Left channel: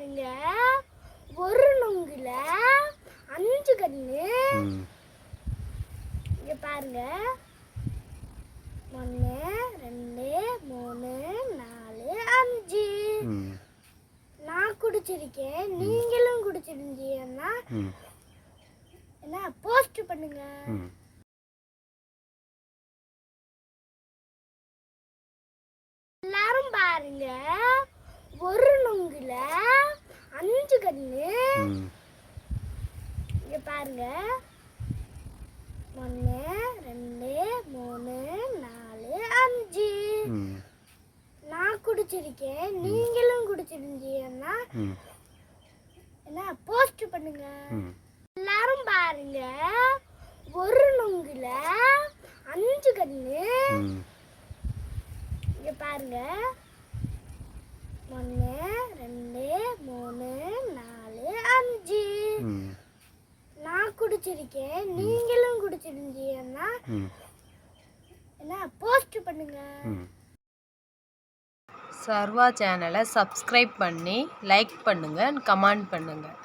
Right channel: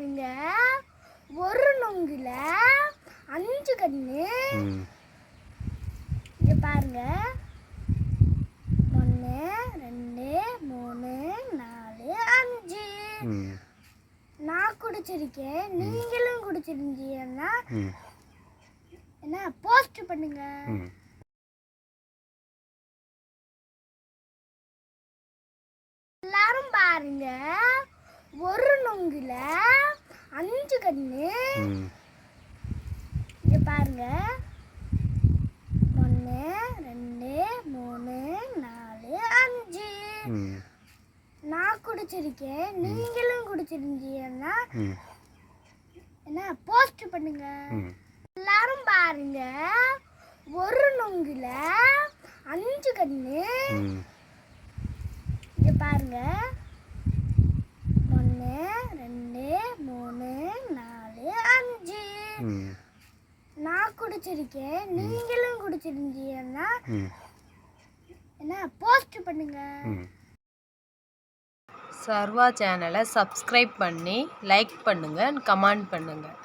பாருங்க ஒரு நொங்குல அஞ்சு கண்ணு. இங்க பாருங்க. ஒன்று ரெண்டு மூணு நாலு அஞ்சு. நான் குடிச்சிருக்கேன். நீங்களும் குடிச்சிருந்தீங்கன்னா என்ன போஸ்ட் பண்ணுங்க. எல்லாரும் பாருங்க ஒரு நொங்குல ம். இங்க பாருங்க. ஒன்று ரெண்டு மூணு நாலு அஞ்சு. நான் குடிச்சிருக்கேன். நீங்களும் குடிச்சிருந்தீங்கன்னா என்ன போஸ்ட் பண்ணுங்க. எல்லாரும் பாருங்க. ஒரு நொங்குல அஞ்சு கண்ணு. இங்க பாருங்க ஒன்று ரெண்டு மூணு நாலு அஞ்சு ம் நான் குடிச்சிருக்கேன். நீங்களும் குடிச்சிருந்தீங்கன்னா என்ன போஸ்ட் பண்ணுங்க. சர்வா சேனலை சப்ஸ்கிரைப் பண்ணி லைக் பண்ணுங்கள் கமெண்ட் பண்ணுங்கள்